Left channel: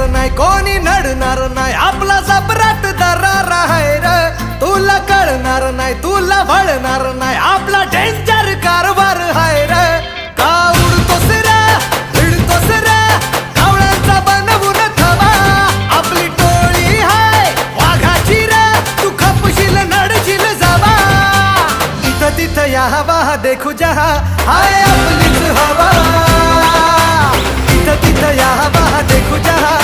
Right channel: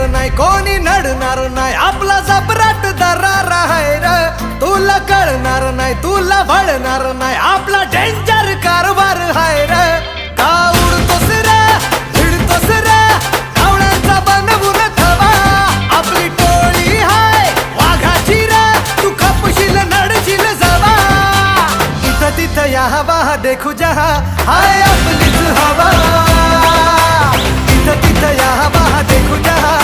येणार नाही कोणी नडणार नाही आपला जबराट दरार आहे र तुला कळणार नाही तुला वळणार नाही आपला डेंजर कारभार आहे र का उडतोस रे भिडतोस रे कावळ्यांचा बनवून थवा आपली टोळी हाय वाघाची रे तू खपशील नडशील जवा इथं तिथं या हवा देखू जहा हाय आपलीच हवा इथं तिथं या हवा देखू जहा